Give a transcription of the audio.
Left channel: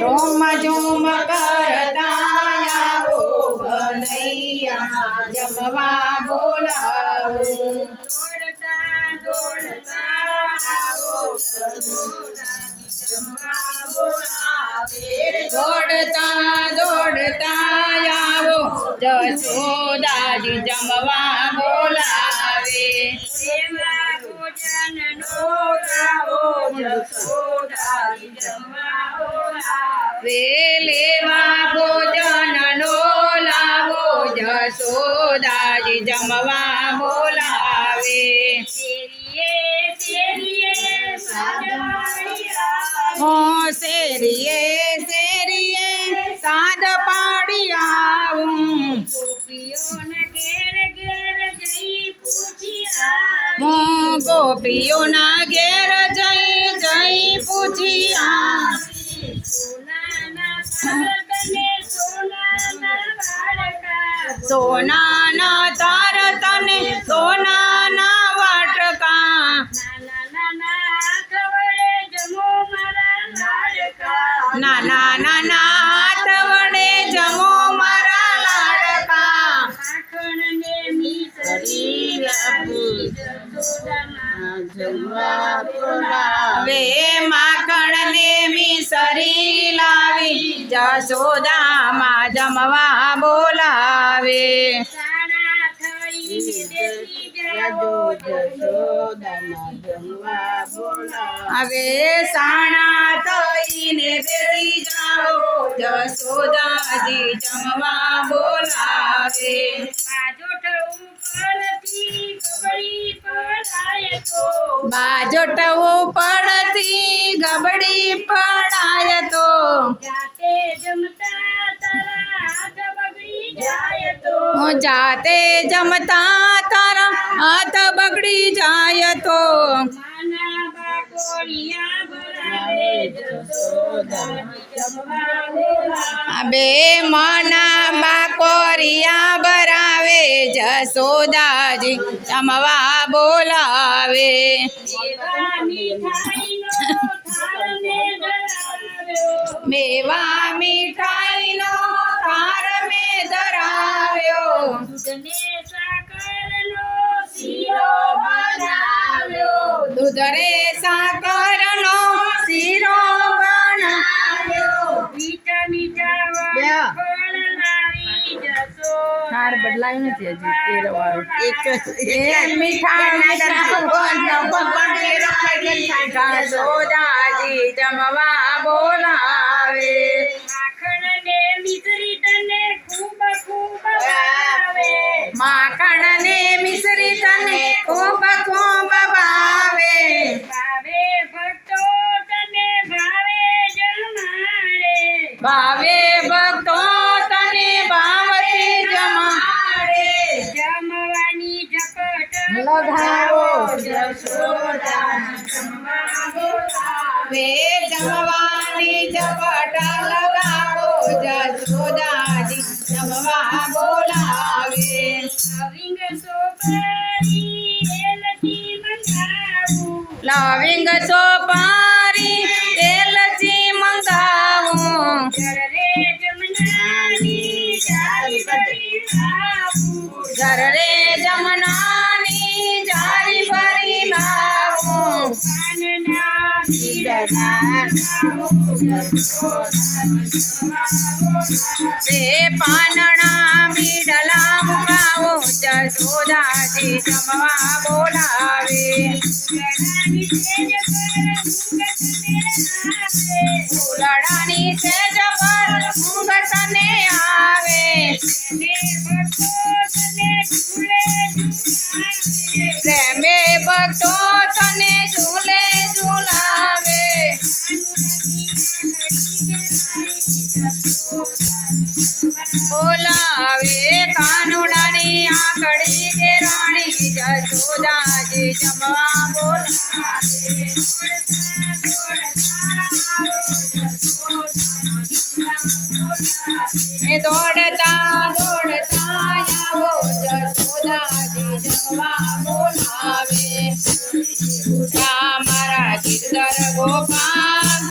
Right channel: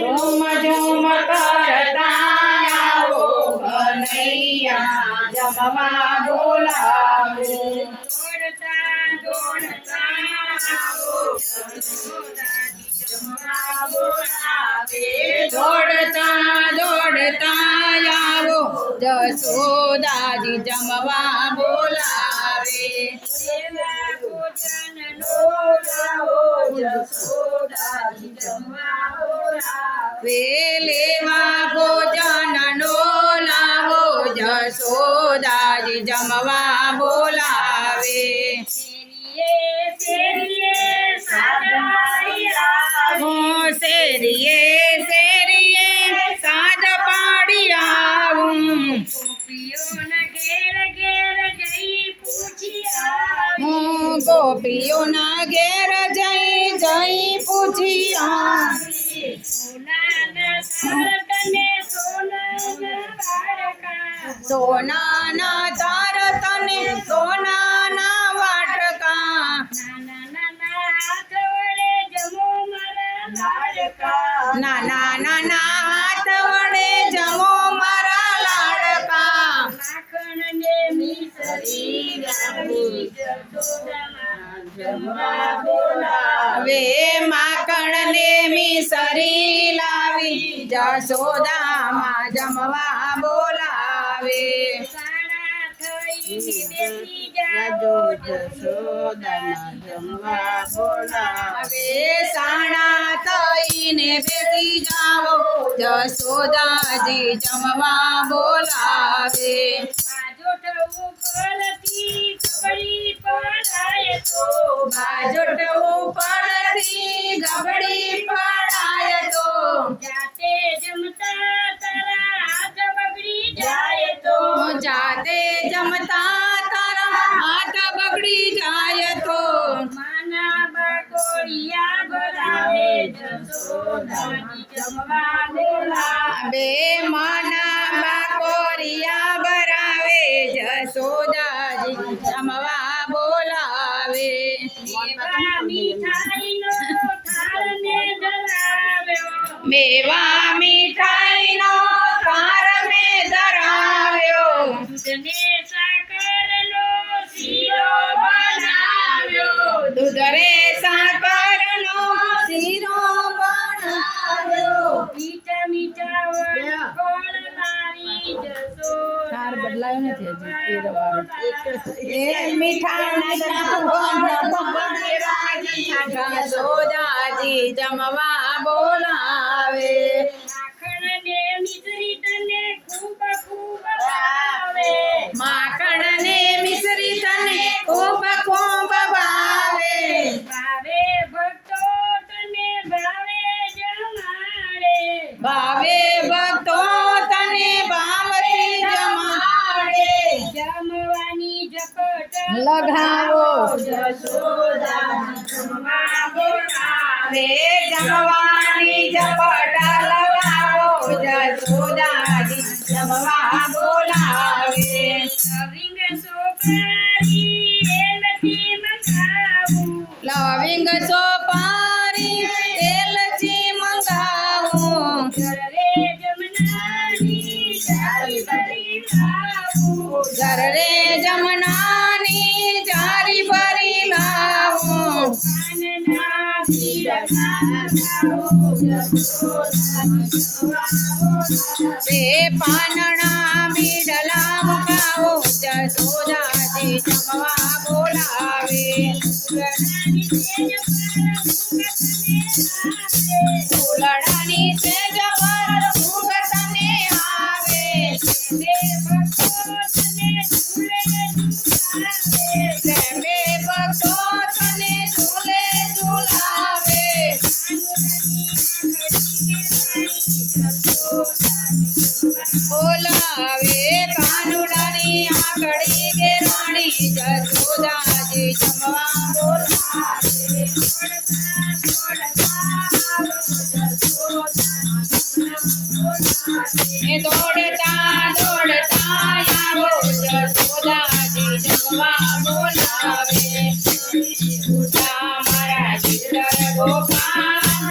રોમ જોમ કરતા આવો કનૈયા જમવા બોલાવે દોડતા દોડતા આવો જસોદાજી જમવા બોલાવે વેલેવા ભોજન નો લાવો જસોદાજી જમવા બોલાવે હો શેરીએ શેરીએ સાદ પાડી આવું હું ગોપીઓના ઘેર જઈ જઈ પૂછી આ સોનાના તાર તને સોનાના વાટકા નાના નાના હાથ હવે માખણ ને મિસરી લાવી, જશોદામાં જમવા બોલાવે. હવે સાણા થઈને બેસી જાઓ, જશોદાજી જમવા બોલાવે. જાતે જમતા તારા હાથ બગડી જાય તો માના બાકોડિયા ભરાવે જસોદાની જમવા બોલાવે બે મના બાકોરિયા બરાવે જસોદાજી જમવા બોલાવે એવા મીઠાઈનો થાળ ને ધરાવ્યો મેવા રુદરે સાકરનો શીરો બનાવ્યો. મીઠા મીઠા વાળ બદલાયો નથી હજી એ રવારો એ મીઠા મીઠા જમવા બોલાવે. માખણને મિસરી તને ખૂબ ખૂબ ભાવે. માખણને મિસરી તને ભાવે ભક્તો તને ભાવથી જમાડે જમવાની ઝપટ લગાવો જમવા વે જમવાની ઝપટા લગાવો જસોદાજી જમવા બોલાવે લવિંગ સોપારી એલચી મંગાવું લવિંગ સોપારી પાનણા મીડલા મુકાવો જસોદાજી જમવા બોલાવે ફૂલડાની સેજ દોડતા